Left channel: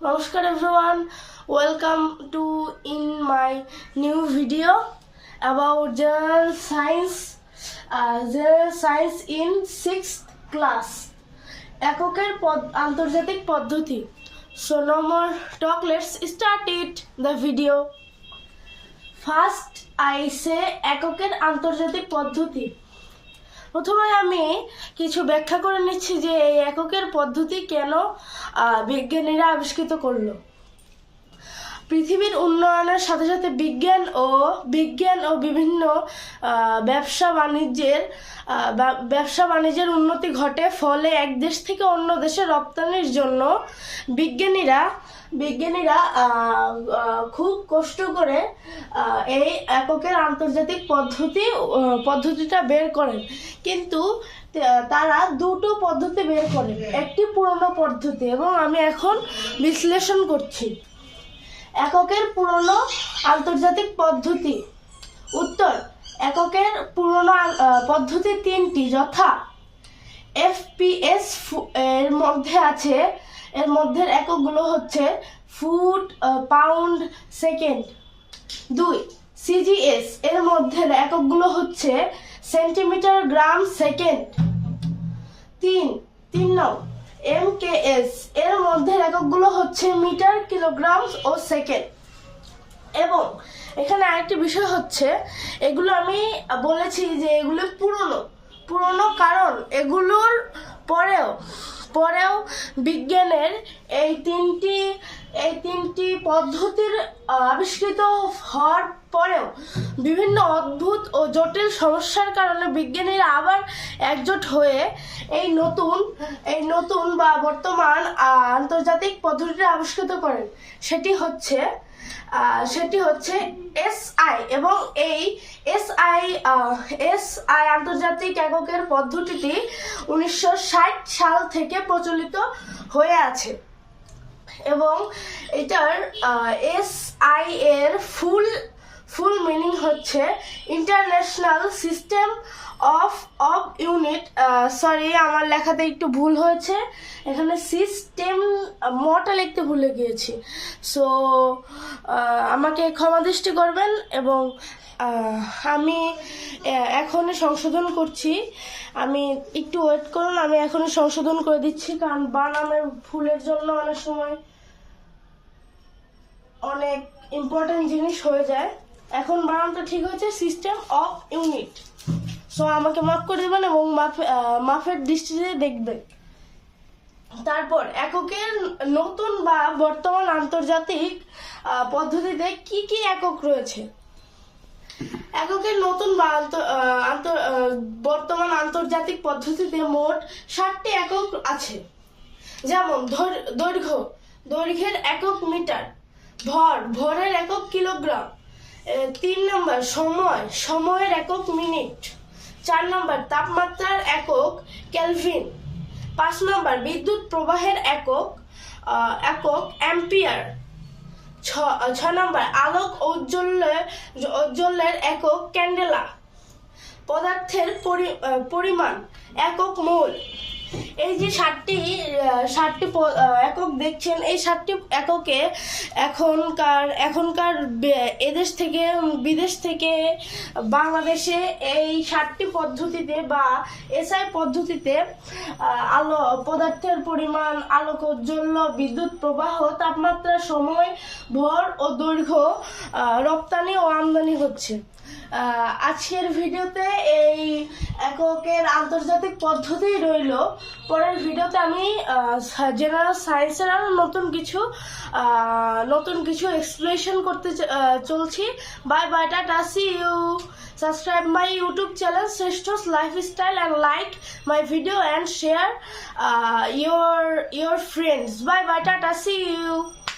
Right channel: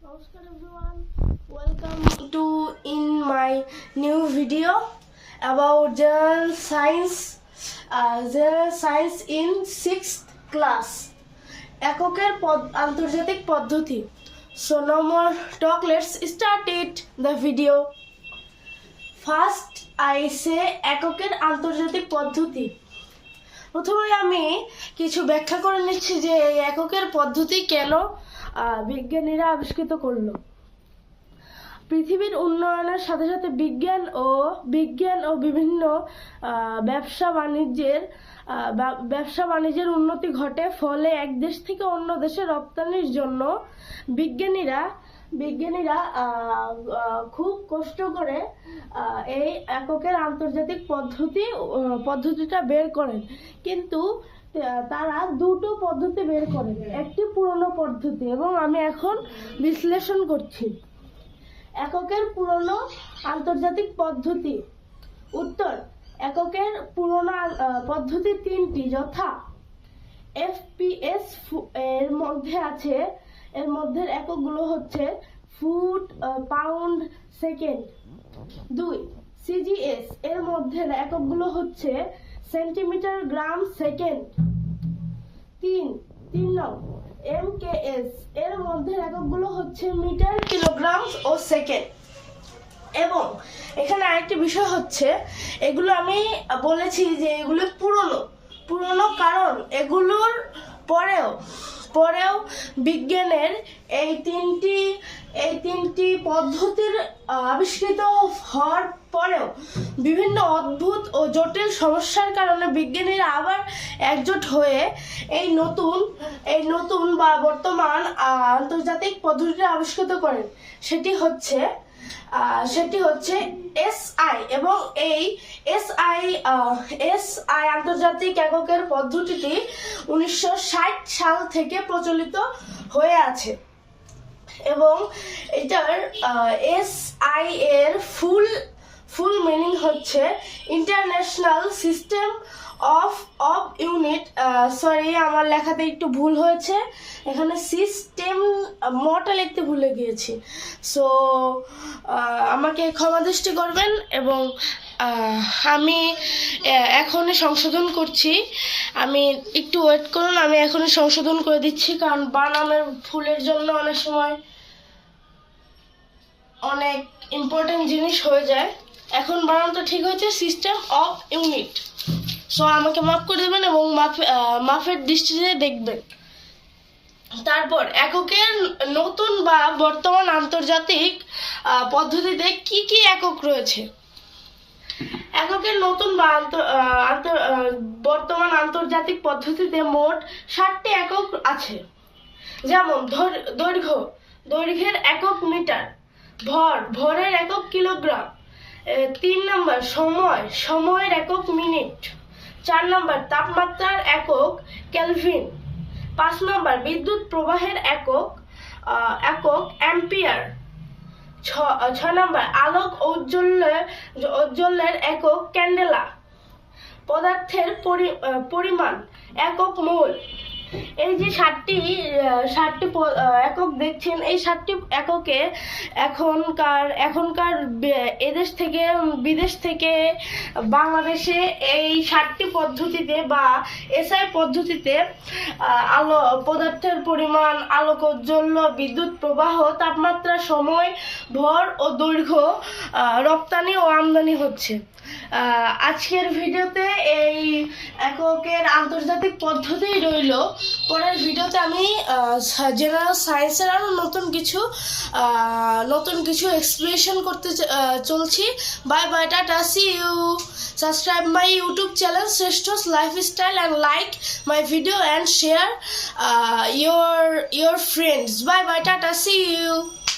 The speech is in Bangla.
Namaskar everyone, welcome to in my new video about general science in 6th class. এককের আন্তর্জাতিক পদ্ধতি. So no more talk, let's start the video. First I say এককের আন্তর্জাতিক পদ্ধতি. প্রথমে আমি কিছু ব্যাখ্যা করে নিচ্ছি যে এই এককের পদ্ধতি কেন বিজ্ঞানীরা আবিষ্কৃত করলো। পৃথিবীর উন্নয়নের সাথে সাথে বিজ্ঞান ও বিভিন্ন ব্যবসা বাণিজ্যের উন্নতি ঘটে, ফলে এক দেশ থেকে অন্য দেশে রপ্তানির জন্য বিজ্ঞানীরা খুব কষ্ট করে এই এককের আন্তর্জাতিক পদ্ধতিটা বের করেন। কিন্তু তারা দুটো পদ্ধতি বের করেন, একটি পুরনো পদ্ধতি এবং আমি এখন বিশ্লেষণ করছি। এককের পুরনো আন্তর্জাতিক পদ্ধতি। উত্তর: এককের পুরনো পদ্ধতি তিনটি, যথা FPS এর মধ্যে এককগুলো হচ্ছে ফুট, পাউন্ড, সেকেন্ড। 2. CGS এর মধ্যে এককগুলো হচ্ছে সেন্টিমিটার, গ্রাম, সেকেন্ড। 3 MKS এর মধ্যে এককগুলো হচ্ছে মিটার, কিলোগ্রাম ও সেকেন্ড। এবং এখানে আরেকটি বিষয় হচ্ছে, এগুলো আমি বলেছি যে এগুলো পুরনো কারণ এগুলোর পরেও বিজ্ঞানের এই তিনটি পদ্ধতির আবিষ্কৃত হওয়ার পরেও বিভিন্ন অদ্ভুত ও জটিল সমস্যার কারণে বিজ্ঞানীরা আবার একজোট হয়ে এই নতুন বা বর্তমান আন্তর্জাতিক পদ্ধতিটি আবিষ্কৃত করেন। সেটি হচ্ছে SI, এবং এই SI আন্তর্জাতিক এককের পদ্ধতিটি 1960 সাল থেকে প্রচলিত হয়ে আছে। এবং এটার SI এর ফুল মিনিং হচ্ছে international system of unit. Sorry, আমার লেখাতে একটু ভুল হয়েছে, এখানে সিস্টেম মটা লিখতে ভুলে গিয়েছি। সো আমাকে ক্ষমা দৃষ্টি করবেন, এবং আমি এখনই সংশোধন করছি। আমি একটু ওয়েট করুন, আমি এখনই সংশোধন করে দিচ্ছি, কারণ বানামের ভুলের জন্য অনেক সময় অনেক ইম্পর্টেন্ট জিনিস হয়ে যায়। এখন বানানটা ঠিক হয়েছে, সিস্টেম অফ ইউনিট। সো আমাকে মাফ করে দেবেন এবং মাফের দৃষ্টিতে দেখবেন। তারপর এককের নতুন বা বর্তমান আন্তর্জাতিক পদ্ধতিতে কি কি একক রয়েছে। এককের নতুন বা বর্তমান আন্তর্জাতিক পদ্ধতিতে মোট 60টি একক আছে, যেমন দৈর্ঘ্যের একক মিটার, ভরের একক কিলোগ্রাম। 3 নম্বর সময়ের একক মিনিট। 4 নম্বর তাপমাত্রার একক কেলভিন। 5 নম্বর বিদ্যুৎ প্রবাহের একক অ্যাম্পিয়ার। 6 নম্বর আলোক ঔজ্জ্বল্যের একক ক্যান্ডেলা। পদার্থের পরিমাণ একক মোল। এই যে 60টি একক দেখছেন, এই 60টি এককে এখনকার এদেশ থেকে বিদেশ থেকে বাংলাদেশে এই 60টি পদ্ধতিতে বা SI পদ্ধতিতে পদার্থের পরিমাণ, আলোক ঔজ্জ্বল্য, বিদ্যুৎ প্রবাহ, তাপমাত্রা, সময়, ভর ও দৈর্ঘ্য রপ্তানি ও আমদানি হচ্ছে। আজকের ভিডিওতে এই এককের আন্তর্জাতিক পদ্ধতি রইল। পরের ভিডিওতে আমি জেনারেল সায়েন্সের আরও নতুন কিছু এক্সপ্লেনেশন করতে চলছি। Bye bye, tata, see you. Subscribe my YouTube channel Shreshto's Lifestyle and like my video and share your friends. Bye bye, tata, see you.